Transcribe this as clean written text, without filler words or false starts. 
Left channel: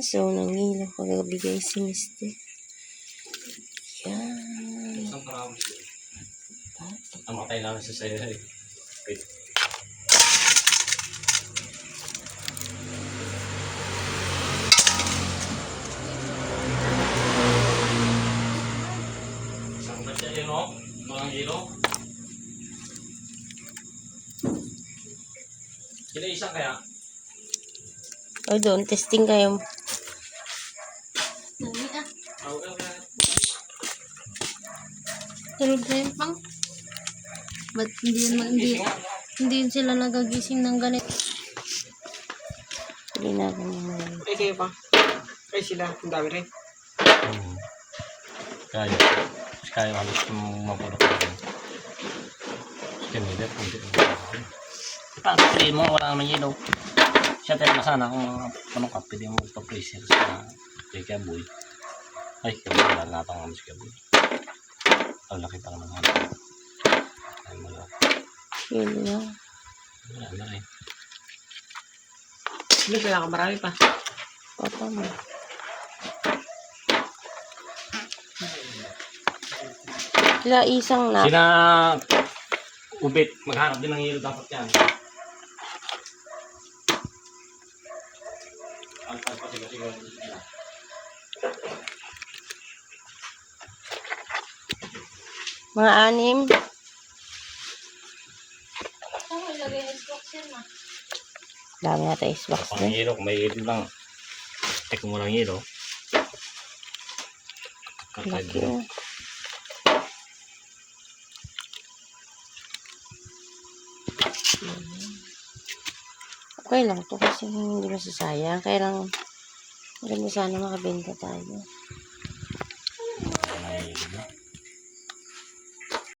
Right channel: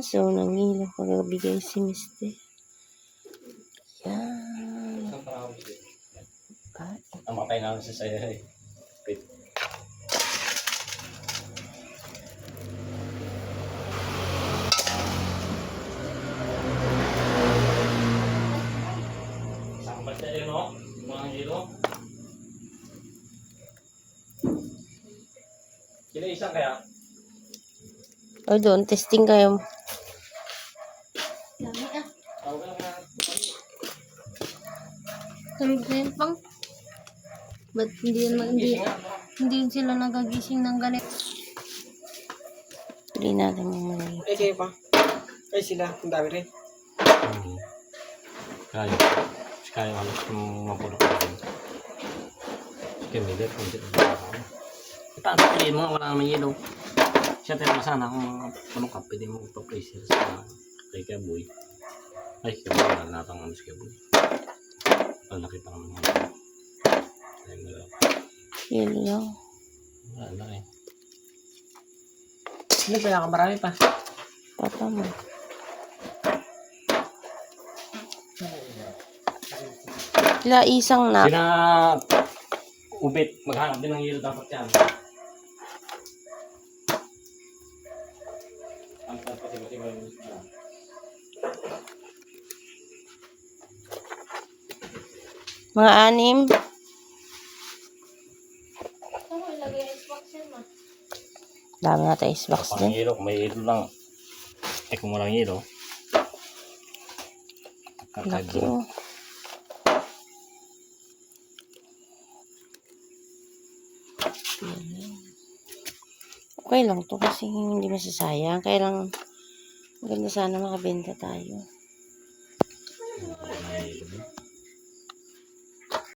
So, nangilo kagabigay si Mister. Yan. Namatay na sa sa'yo. Saan ba siya yun, no? Mga hilo? Sila isang kaya? O doon, testing kayo. Dami ah. Tawag ka. Tulog na yun pang. Ba't hindi yun sila nagagising ng ganito? Hindi natin yung mga Eh, kayo pa. Kayo sila. Ang dami rin. Kaya. Kaya halos kung mapulok na rin. Hindi, kunti. Paano sabihin mo? Wala naman yelo. Siyempre masana kung anong ka, pwede mo pa-freezer sa kay Kaboy. Ay, Kaboy. Wala natang naman si Kaboy. Ang laki pa naman natin. Ay, wala. yun lang. Wala na rin. Hindi, kaya marami pa. Papa mo. Kila isang na. Sina Ubit, maghanap din ng yelo dapat yan. Ang pasigaw-sigaw nila. Mga 6. Oh, ilagay na box yan ah. Dami nga tayo box Pang din. yelo, kung may yelo lang. Kung walang yelo. Laki oh. Okay lang to kasi hindi masasayang. Kaya lang maganda sana makabenta tayo.